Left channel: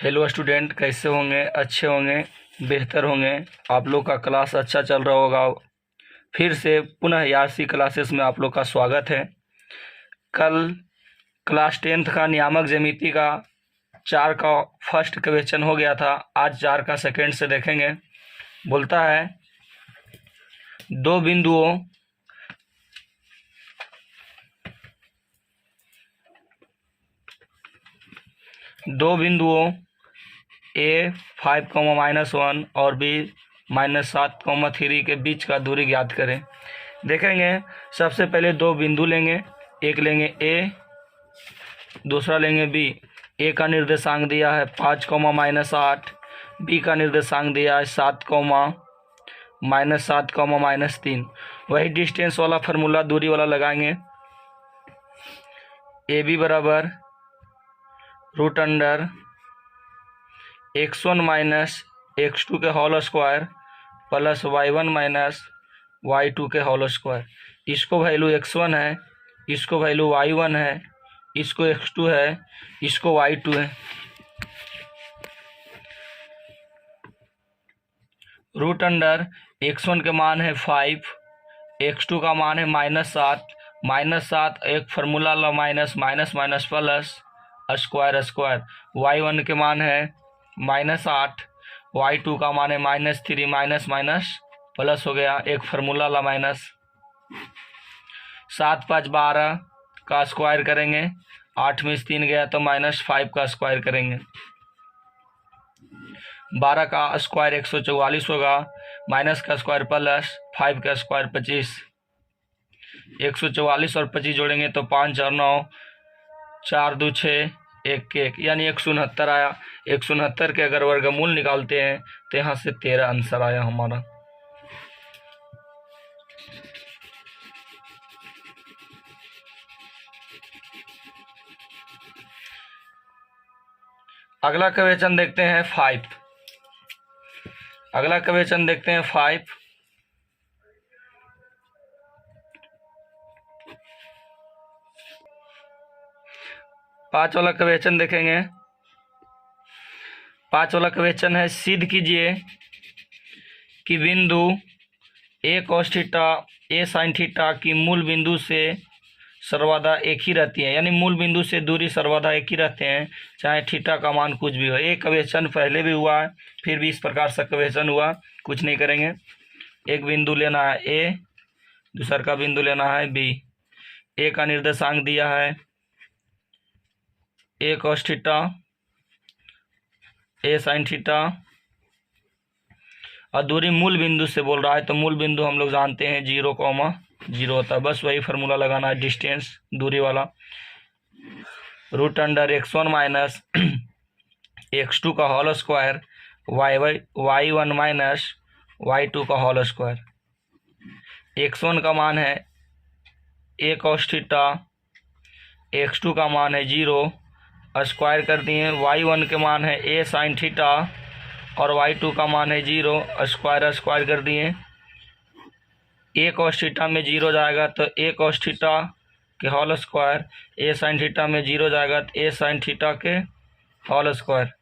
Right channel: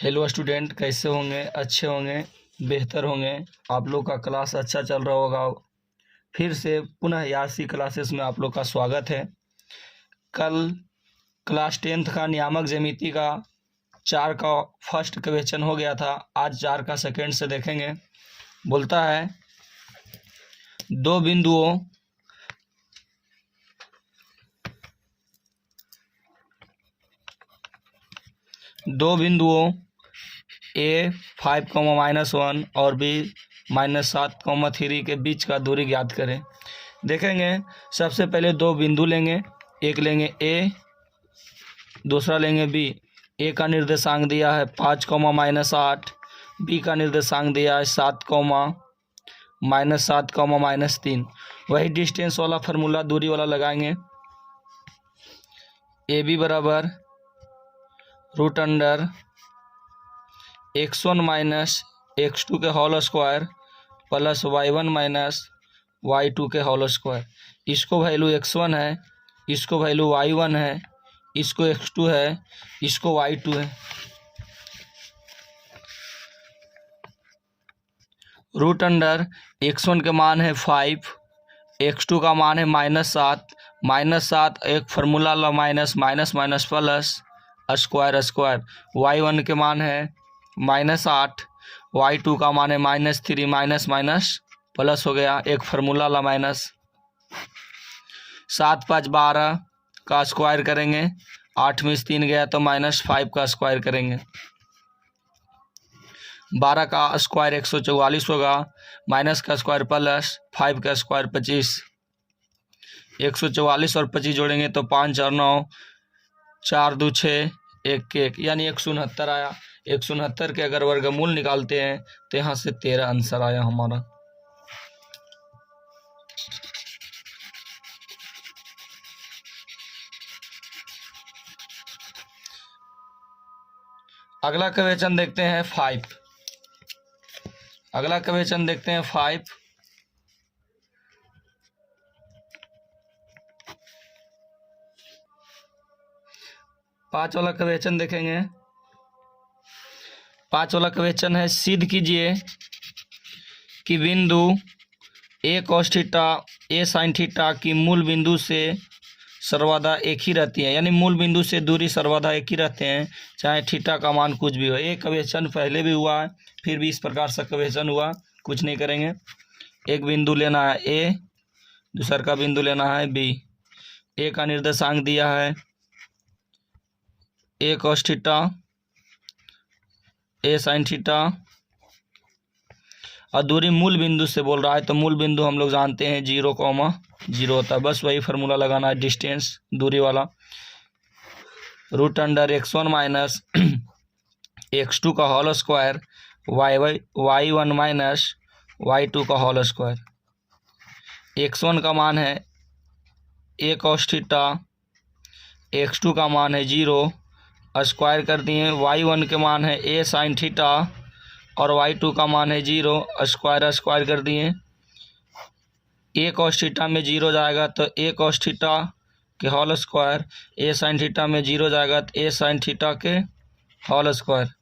Hello student, कैसे होंगे? अच्छे होंगे, बेहतर होंगे। आप लोग का क्लास अच्छा चल रहा होगा। फिर से पुनः यासी क्लासेस में आप लोग का स्वागत है। कल क्लास 10th का नियामक ज्यामिति का 4 का फर्स्ट क्वेश्चन हो गया था। आज 4 का सेकंड से देखेंगे। बोलता है दो बिंदुओं ए 5,-1 और बी -7,3 के बीच का दूरी ज्ञात करें। देखेंगे, सबसे पहले दो बिंदु लेंगे। एक लेंगे ए, दूसरा लेंगे बी। ए का निर्देशांक दिया है 5,-8, बी का निर्देशांक दिया है 7,-7,-3। वही डिस्टेंस वाला फार्मूला दूरी वाला लगाएंगे। ए बी बराबर √अंडर x1 - x2 के whole square plus y1 - y2 के होल स्क्वायर। इसको वैल्यू x1 है, इसको वैल्यू y1 है, इसको x2 है, इसको y2 है। √अंडर x1 के मान है 5, x2 का मान है -7। -7 एक फार्मूला ला minus minus minus plus square square. y1 के मान है -8, y2 का मान है -3, माइनस माइनस प्लस हो गया, एक फार्मूला ला माइनस। 7 5 12 का स्क्वायर करेंगे, 8 में से 3 गया तो -5 का स्क्वायर करेंगे। 12 का स्क्वायर 144 होगा, माइनस का स्क्वायर प्लस 5 का स्क्वायर 25। 144 और 25 जोड़ेंगे तो 5 और 9, 4 2 6, 1 के 1 यानी 169 आया। 169 के अगर वर्गमूल निकालते हैं तो यहाँ से 13 आंसर आया हमारा। अगला क्वेश्चन देखते हैं 5। अगला क्वेश्चन देखते हैं 5। पाँच वाला क्वेश्चन देखेंगे। 5 वाला क्वेश्चन है, सिद्ध कीजिए कि बिंदु ए cos थीटा ए sin थीटा की मूल बिंदु से सर्वदा एक ही रहती है। यानी मूल बिंदु से दूरी सर्वदा एक ही रहते हैं, चाहे थीटा का मान कुछ भी हो। एक क्वेश्चन पहले भी हुआ है, फिर भी इस प्रकार से क्वेश्चन हुआ। कुछ नहीं करेंगे, एक बिंदु लेना है ए, दूसरा का बिंदु लेना है बी। ए का निर्देशांक दिया है ए cos थीटा ए sin थीटा और दूरी मूल बिंदु से बोल रहा है, तो मूल बिंदु हम लोग जानते हैं 0,0 होता है। बस वही फार्मूला लगाना है, डिस्टेंस दूरी वाला। √अंडर x1 - x2 का होल स्क्वायर y1 - y2 का होल स्क्वायर। x1 का मान है a cos थीटा, x2 का मान है 0, स्क्वायर कर दिए। y1 के मान है a sin थीटा और y2 का मान है 0, स्क्वायर स्क्वायर कर दिए। a cos थीटा में 0 जाएगा तो a cos थीटा के whole square, a sin theta में 0 जाएगा तो a sin थीटा के होल स्क्वायर।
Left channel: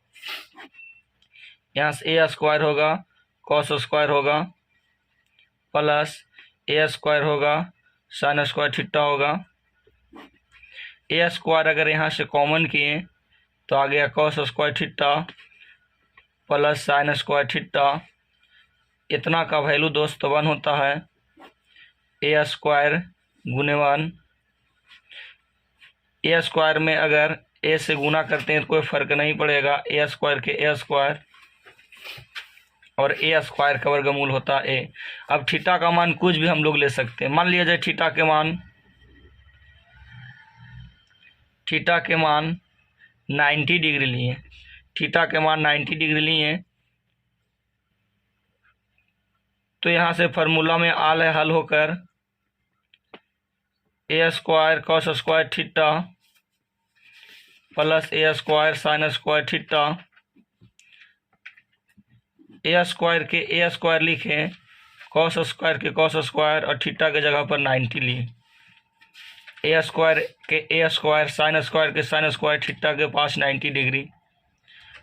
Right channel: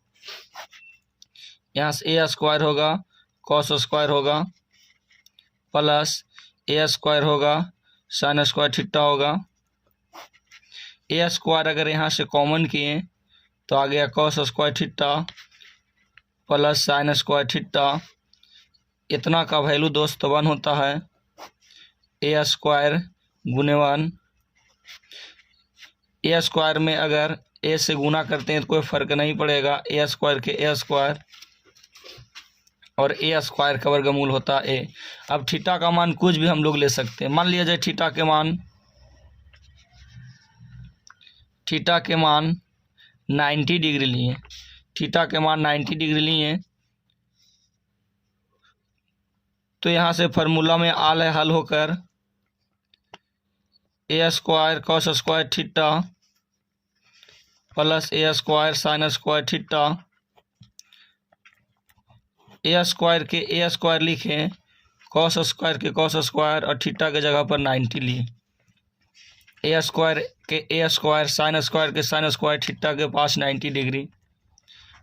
यहाँ से a स्क्वायर होगा, cos स्क्वायर होगा, प्लस a स्क्वायर होगा, sin स्क्वायर थीटा होगा। a स्क्वायर अगर यहाँ से कॉमन किए तो आ गया cos square theta plus sin square theta. इतना का वैल्यू दोस्त 1 होता है। a स्क्वायर गुने 1। a स्क्वायर में अगर a से गुना करते हैं तो कोई फ़र्क नहीं पड़ेगा। a स्क्वायर के a स्क्वायर और a स्क्वायर का वर्गमूल होता है a। अब थीटा का मान कुछ भी हम लोग ले सकते हैं। मान लिया जाए थीटा के मान 90 डिग्री लिए। थीटा के मान 90 डिग्री लिए तो यहाँ से फार्मूला में हल होकर a square cos square theta plus a square sin square theta. a square के a स्क्वायर लिखें, cos स्क्वायर के cos स्क्वायर और थीटा के जगह पर 90 लिए। a स्क्वायर के a स्क्वायर, sin स्क्वायर के sin स्क्वायर, थीटा के पास 90 डिग्री।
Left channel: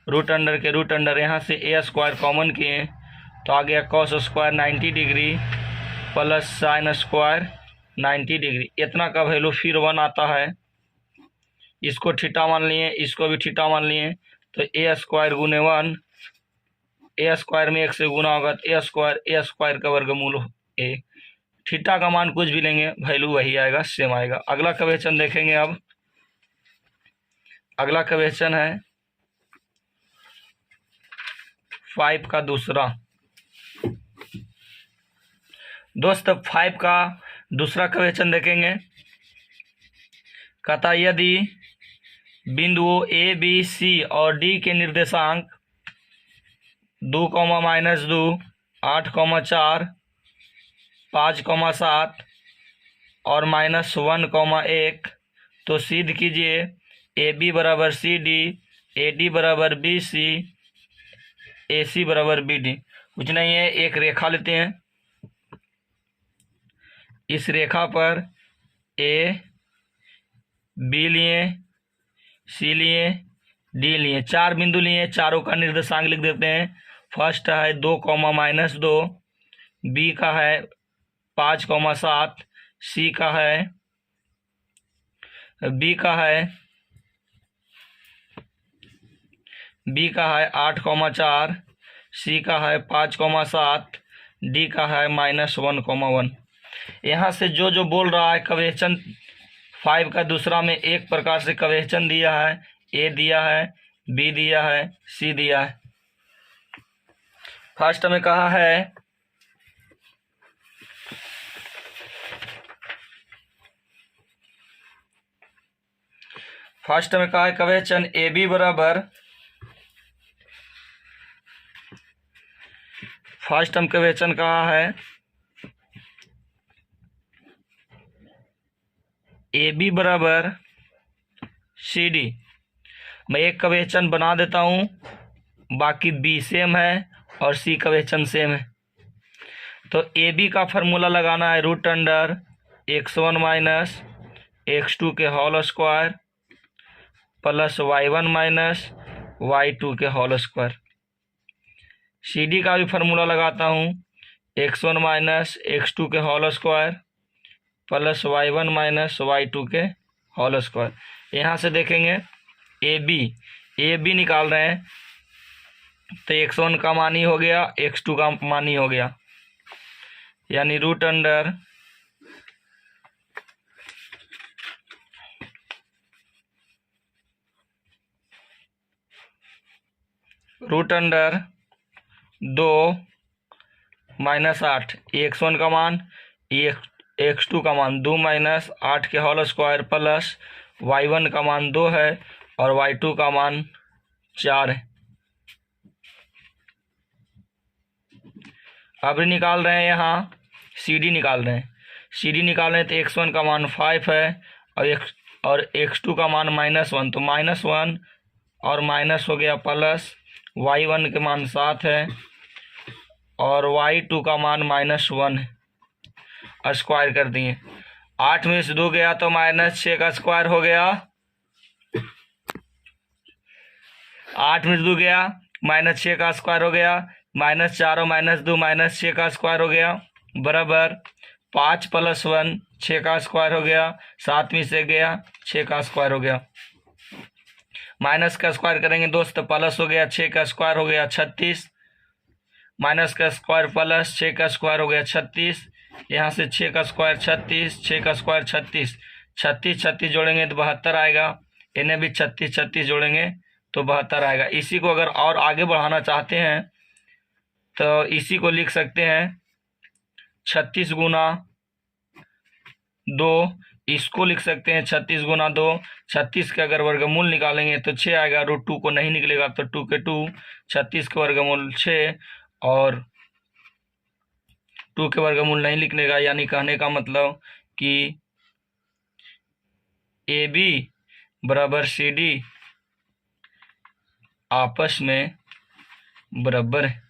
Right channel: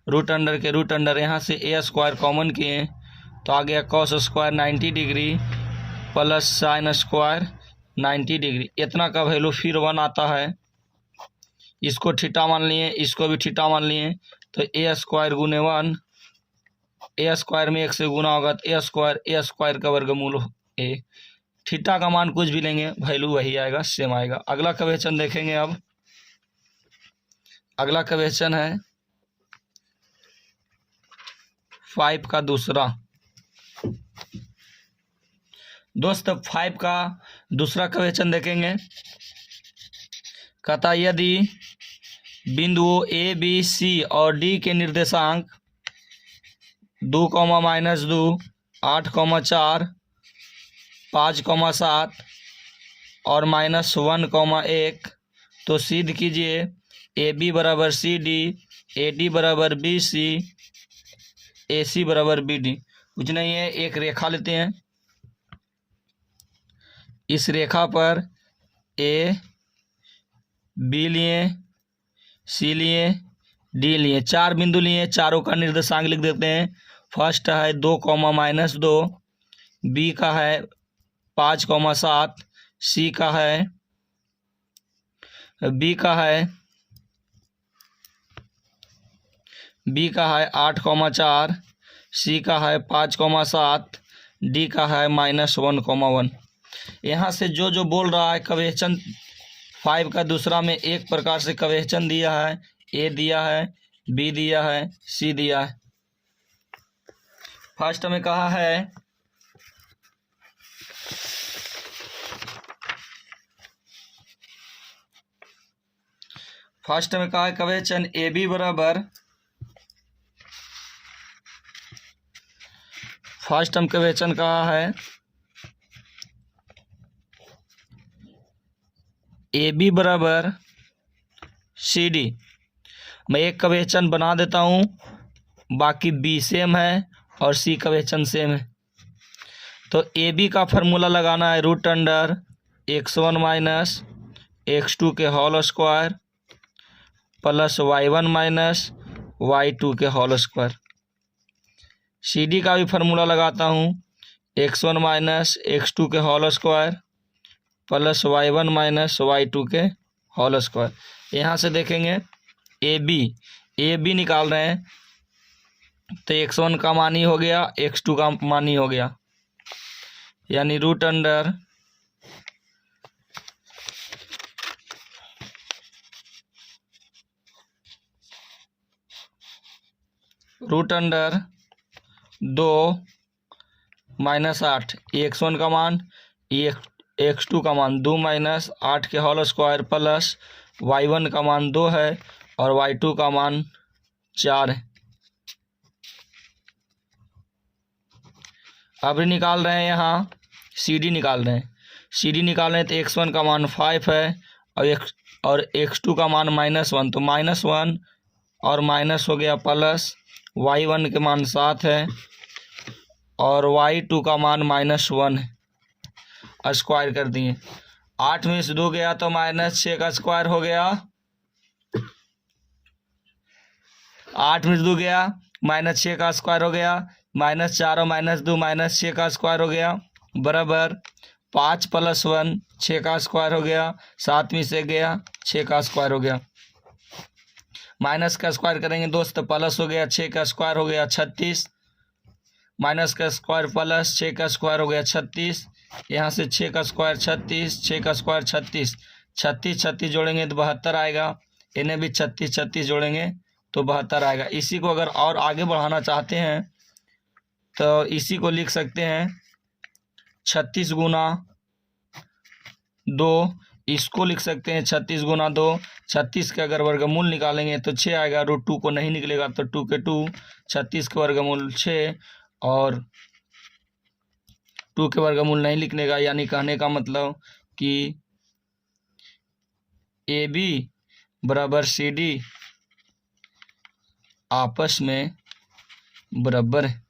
रूट अंडर के रूट अंडर, यहाँ से ए स्क्वायर कॉमन किए तो आ गया cos square 90 degree plus sine square 90 degree. इतना का वैल्यू फिर 1 आता है। इसको थीटा मान लिए, इसको भी थीटा मान लिए, तो ए स्क्वायर गुने 1, ए स्क्वायर में 1 से गुना होगा तो ए स्क्वायर का वर्गमूल ए। थीटा का मान कुछ भी लेंगे वैल्यू वही आएगा, सेम आएगा। अगला क्वेश्चन देखेंगे। अब अगला क्वेश्चन है 5 का दूसरा। दोस्त 5 का दूसरा क्वेश्चन देखेंगे। कहता यदि बिंदुओं ए बी सी और डी के निर्देशांक 2, -2, 8, 4, 5, 7 और -1, 1 तो सिद्ध कीजिए ए बी बराबर सी डी, ए डी बराबर बी सी, ए सी बराबर बी डी। कुछ नहीं है, एक रेखा लेते हैं। इस रेखा पर ए बी लिए, सी लिए, डी लिए, 4 बिंदु लिए। चारों का निर्देशांक लिख देते हैं। फर्स्ट है 2, -2, बी का है 5, 7, सी का है बी का है 8, 4, सी का है 5, 7, डी का है -1, 1। यहाँ से जो जो बोल रहा है क्वेश्चन 5 का दूसरा में एक प्रकार से क्वेश्चन दिया है। ए दिया है, बी दिया है, सी दिया है। फर्स्ट में कहा है क्वेश्चन ए बी बराबर, फर्स्ट हम क्वेश्चन कहा है ए बी बराबर सी डी। मैं एक क्वेश्चन बना देता हूँ, बाकी बी सेम है और सी क्वेश्चन सेम है। तो ए बी का फार्मूला लगाना है root under x1 minus x2 के whole square plus y1 minus y2 के होल स्क्वायर। सी डी का भी फार्मूला लगाता हूँ x1 माइनस x2 के whole square plus y1 minus y2 के होल स्क्वायर। यहाँ से देखेंगे ए बी निकाल रहे हैं तो x1 का मान ही हो गया, x2 का मान ही हो गया, यानी रूट अंडर -2 - 8, x1 का मान, x2 का मान 2 - 8 के होल स्क्वायर प्लस y1 का मान 2 है और y2 का मान 4 है। अब निकाल रहे हैं, यहाँ सी डी निकाल रहे हैं। सी डी निकाल रहे हैं तो x1 का मान 5 है और x2 का मान -1, तो -1 और माइनस हो गया प्लस, y1 के मान 7 है और y2 का मान -1 है। स्क्वायर कर दिए, 8 में से 2 गया तो -6 का स्क्वायर हो गया। 8 में से 2 गया, -6 का स्क्वायर हो गया, -4 और -2 -6 का स्क्वायर हो गया बराबर 5 + 1 6 का स्क्वायर हो गया। 7 में से गया 6 का स्क्वायर हो गया। माइनस का स्क्वायर करेंगे दोस्त, प्लस हो गया 6 का स्क्वायर हो गया 36, माइनस का स्क्वायर प्लस 6 का स्क्वायर हो गया 36। यहाँ से 6 का स्क्वायर 36, 6 का स्क्वायर 36, 36 जोड़ेंगे तो 72 आएगा। इन्हें भी 36 जोड़ेंगे तो 72 आएगा। इसी को अगर और आगे बढ़ाना चाहते हैं तो इसी को लिख सकते हैं 36 गुना 2, इसको लिख सकते हैं 36 गुना 2। 36 के अगर वर्गमूल निकालेंगे तो 6 आएगा, √2 को नहीं निकलेगा तो 2 के 2, 36 के वर्गमूल 6 और 2 के वर्गमूल नहीं लिखने का, यानी कहने का मतलब कि ए बी बराबर सी डी आपस में बराबर है।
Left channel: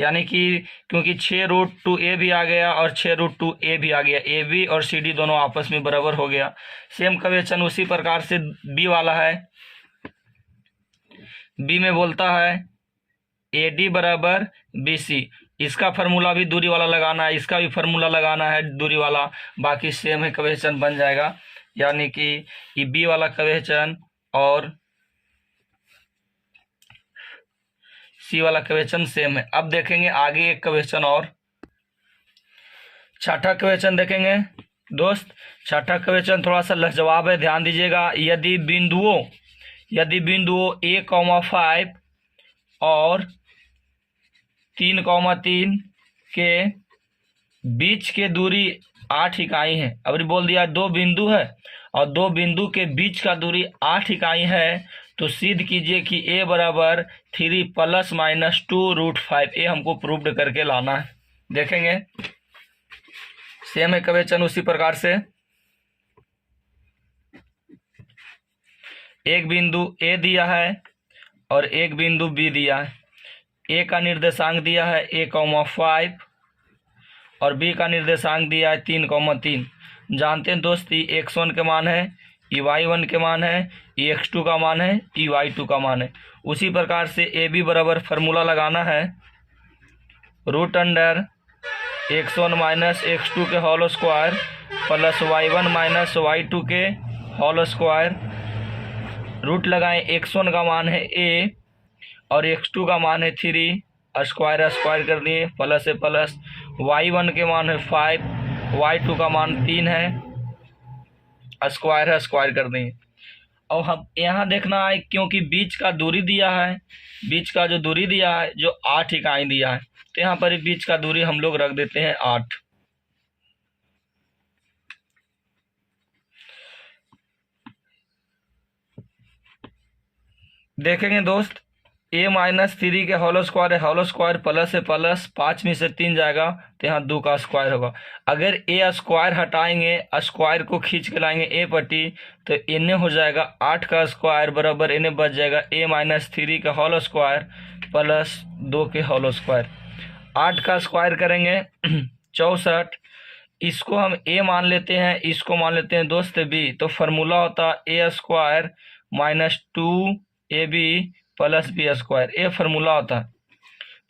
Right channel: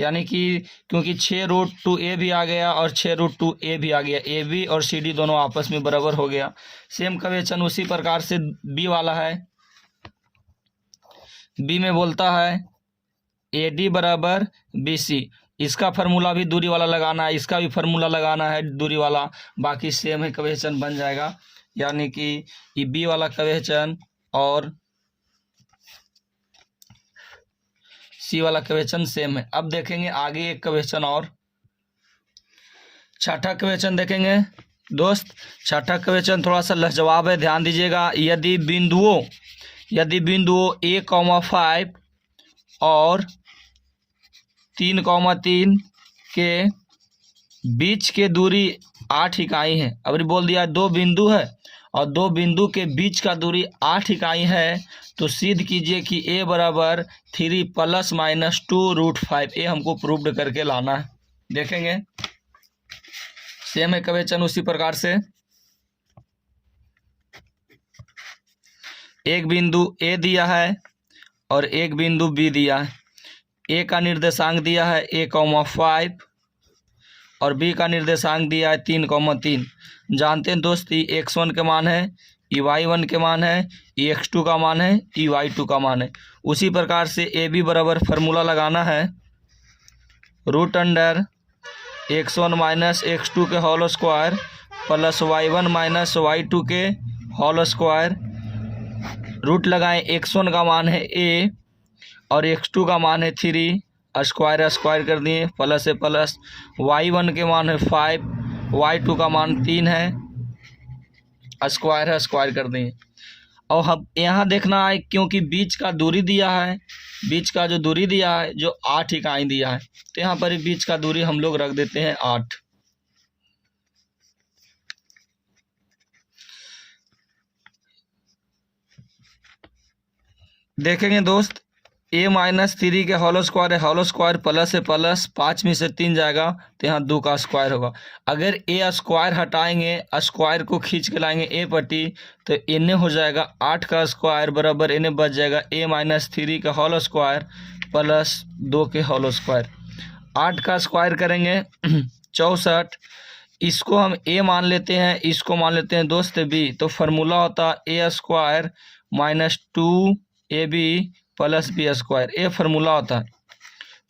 यानी कि क्योंकि 6√2a भी आ गया और 6√2a भी आ गया, ए बी और सी डी दोनों आपस में बराबर हो गया। सेम क्वेश्चन उसी प्रकार से बी वाला है। बी में बोलता है ए डी बराबर बी सी। इसका फार्मूला भी दूरी वाला लगाना है, इसका भी फार्मूला लगाना है दूरी वाला, बाकी सेम है, क्वेश्चन बन जाएगा। यानी कि ये बी वाला क्वेश्चन और सी वाला क्वेश्चन सेम है। अब देखेंगे आगे एक क्वेश्चन और, छठा क्वेश्चन देखेंगे दोस्त। छठा क्वेश्चन थोड़ा सा लाजवाब है, ध्यान दीजिएगा। यदि बिंदुओं a, 5 और 3, 3 के बीच के दूरी 8 इकाई है। अब बोल दिया दो बिंदु है और दो बिंदु के बीच का दूरी 8 इकाई है, तो सिद्ध कीजिए कि a बराबर 3 ± 2√5। ये हमको प्रूव्ड करके लाना है। देखेंगे सेम है क्वेश्चन उसी प्रकार से। एक बिंदु ए दिया है और एक बिंदु बी दिया है। ए का निर्देशांक दिया है a, 5 और बी का निर्देशांक दिया है 3, 3। जानते हैं दोस्त ये x1 के मान है, ये y1 के मान है, ये x2 का मान है, ये y2 का मान है। उसी प्रकार से ए बी बराबर फार्मूला लगाना है √x1 - x2 के whole square plus y1 - y2 के होल स्क्वायर। रूट लगाएं, x1 का मान है a और x2 का मान है 3, स्क्वायर स्क्वायर कर दिए, प्लस से प्लस। y1 के मान है 5, y2 का मान 3 है, स्क्वायर स्क्वायर कर दिए। और हम यहाँ देखना है क्योंकि बीच का दूरी दिया है, बीच का जो दूरी दिया है जो 8 इकाई दिया है, तो यहाँ पर बीच का दूरी हम लोग रख देते हैं 8। देखेंगे दोस्त a - 3 के होल स्क्वायर है, होल स्क्वायर प्लस से प्लस, 5 में से 3 जाएगा तो यहाँ 2 का स्क्वायर होगा। अगर a स्क्वायर हटाएंगे, स्क्वायर को खींच के लाएंगे a पट्टी, तो इन्हें हो जाएगा 8 का स्क्वायर बराबर इन्हें बच जाएगा a - 3 का होल स्क्वायर प्लस 2 के होल स्क्वायर। 8 का स्क्वायर करेंगे 64। इसको हम a मान लेते हैं, इसको मान लेते हैं दोस्त b, तो फार्मूला होता है a² - 2ab plus B square. ए फार्मूला होता है।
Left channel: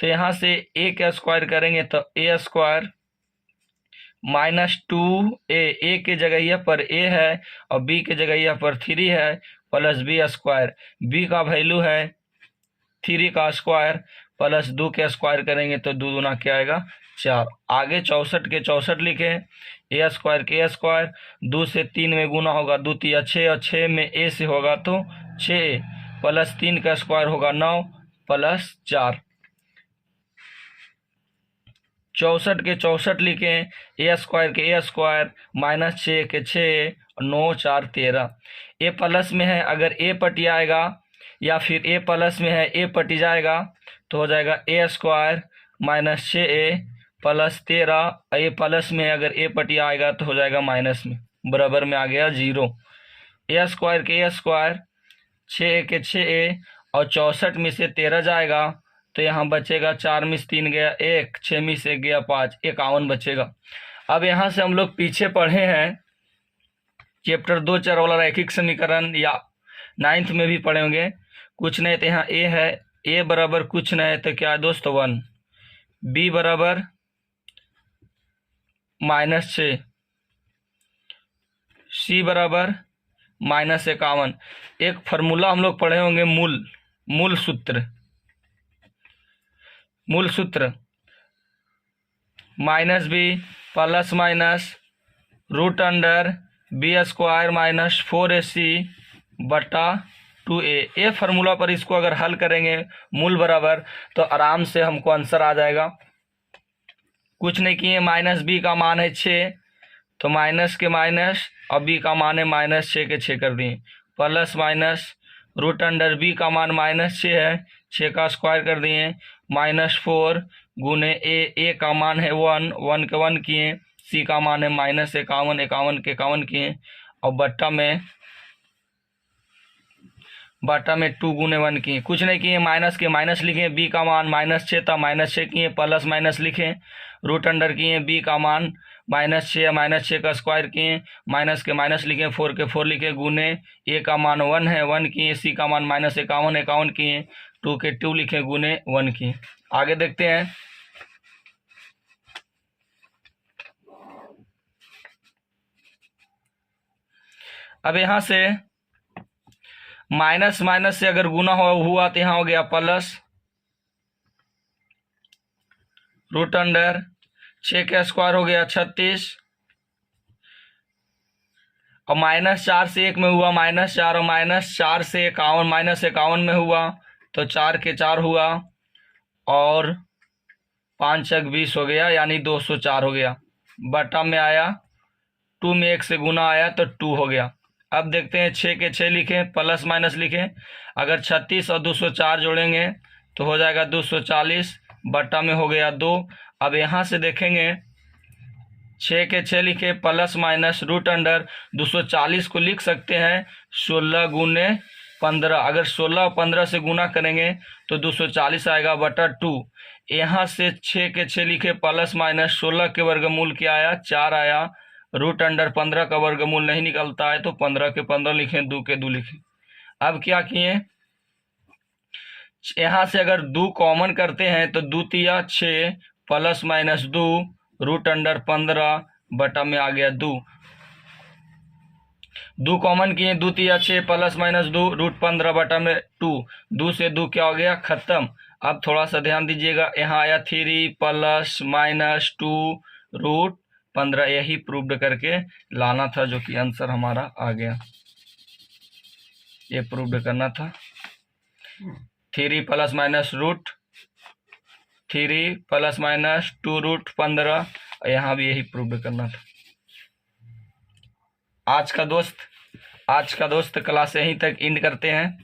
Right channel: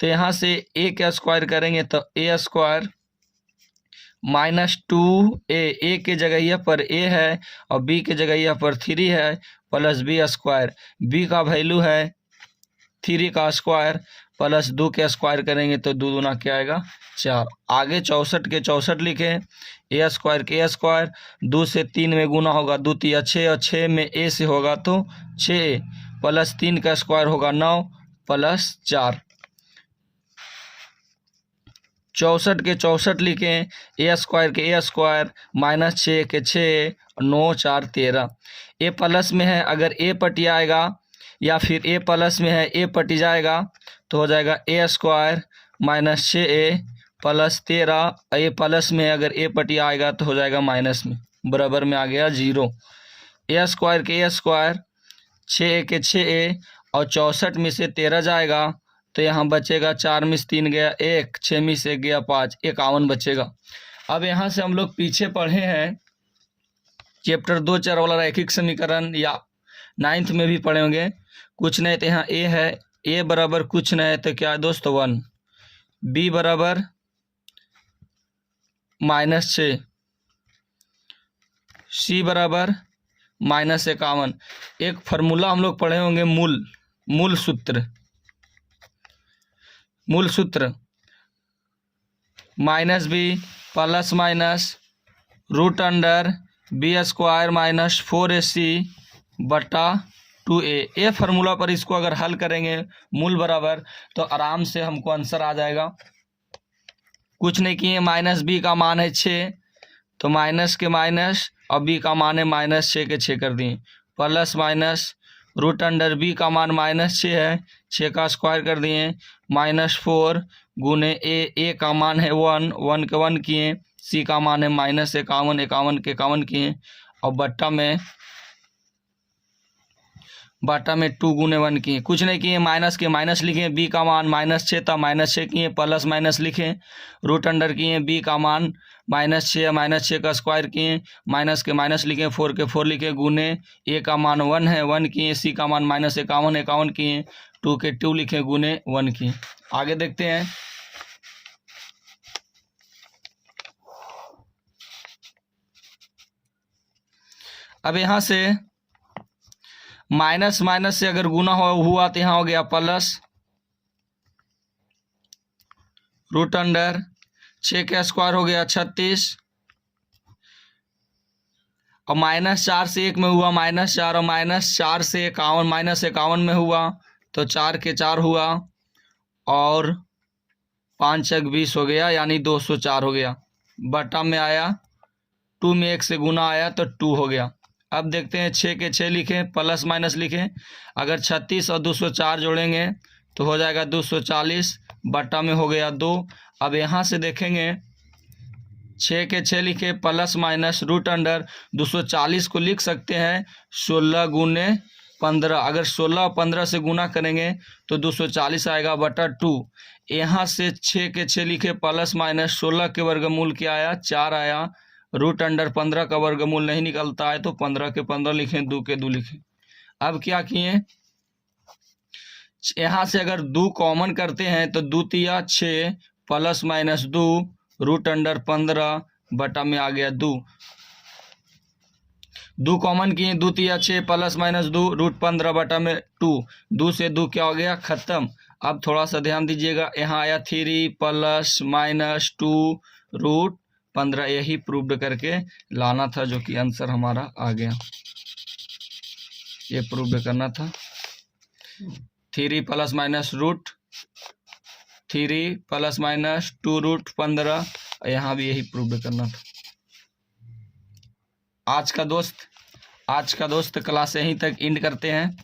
तो यहाँ से a का स्क्वायर करेंगे तो a² - 2a, a के जगह पर a है और b के जगह पर 3 है, प्लस बी स्क्वायर। b का वैल्यू है 3 का स्क्वायर प्लस 2 के स्क्वायर करेंगे तो 2 दूना क्या आएगा 4। आगे 64 के 64 लिखें, a² के a², 2 से 3 में गुना होगा 2 × 6 और 6 में a से होगा तो 6 प्लस 3 का स्क्वायर होगा 9 प्लस 4। 64 के 64 लिखें, a² के a² - 6 के 6, 9 4 13। ए प्लस में है, अगर a पटी आएगा या फिर a प्लस में है a पटी जाएगा तो हो जाएगा a² - 6a plus 13। a plus में है, अगर a पटी आएगा तो हो जाएगा माइनस में, बराबर में आ गया 0। a² के a², 6 के 6a और 64 में से 13 जाएगा तो यहाँ बचेगा 4 में से 3 गया 1, 6 में से 1 गया 5, 51 बचेगा। अब यहाँ से हम लोग पीछे पढ़े हैं चैप्टर 2 चर वाला रैखिक समीकरण, या 9th में भी पढ़े होंगे। कुछ नहीं तो यहाँ a है, a बराबर कुछ नहीं तो क्या है दोस्त 1, b बराबर -6, c बराबर -51। एक फार्मूला हम लोग पढ़े होंगे मूल सूत्र -b plus minus √b² - 4ac बटा 2a। ये फार्मूला पर इसको अगर हल करेंगे मूल बराबर तो आराम से हमको आंसर आ जाएगा। कुछ नहीं किए, -b का मान है 6 तो माइनस के माइनस और b का मान है -6 के 6 कर दिए, प्लस माइनस √b का मान -6 है, 6 का स्क्वायर कर दिए, -4 गुने a का मान है 1, 1 के 1 किए, c का मान है -51, 51 के 51 किए और बट्टा में बाटा में 2 गुने 1 किए, कुछ नहीं किए, माइनस के माइनस लिखे, बी का मान -6 था, -6 किए, प्लस माइनस लिखे, रूट अंडर किए, बी का मान -6 का स्क्वायर किए, माइनस के माइनस लिखे, 4 के 4 लिखे, गुने ए का मान 1 है 1 किए, सी का मान -51 किए, 2 के 2 लिखे, गुने 1 किए। आगे देखते हैं। अब यहाँ से माइनस माइनस से अगर गुना हुआ तो यहाँ हो गया प्लस, रूट अंडर 6 का स्क्वायर हो गया 36, और -4 से 1 में हुआ -4, और -4 से 51 -51 में हुआ तो 4 के 4 हुआ, और 5 × 20 हो गया, यानी 204 हो गया। बटा में आया 2 में 1 से गुना आया तो 2 हो गया। अब देखते हैं 6 के 6 लिखें, प्लस माइनस लिखें, अगर 36 और 204 जोड़ेंगे तो हो जाएगा 240, बटा में हो गया 2। अब यहाँ से देखेंगे 6 के 6 लिखे, प्लस माइनस रूट अंडर 240 को लिख सकते हैं 16 गुने 15, अगर 16 और 15 से गुना करेंगे तो 240 आएगा बटा 2। यहाँ से 6 के 6 लिखे, प्लस माइनस 16 के वर्गमूल क्या आया 4 आया, रूट अंडर 15 का वर्गमूल नहीं निकलता है तो 15 के 15 लिखें, 2 के 2 लिखें। अब क्या किए, यहाँ से अगर 2 कॉमन करते हैं तो 2 तिया 6, प्लस माइनस 2, रूट अंडर 15, बटा में आ गया 2। 2 कॉमन किए, 2 तिया 6, प्लस माइनस 2, रूट 15, बटा में 2। 2 से 2 क्या हो गया, खत्म। अब थोड़ा सा ध्यान दीजिएगा, यहाँ आया 3 प्लस माइनस 2 रूट 15, यही प्रूव्ड करके लाना था, जो कि आंसर हमारा आ गया। ये प्रूव्ड करना था। 3 plus minus root 3 plus minus 2 root 15, यहाँ भी यही प्रूव्ड करना था। आज का दोस्त क्लास यहीं तक एंड करते हैं।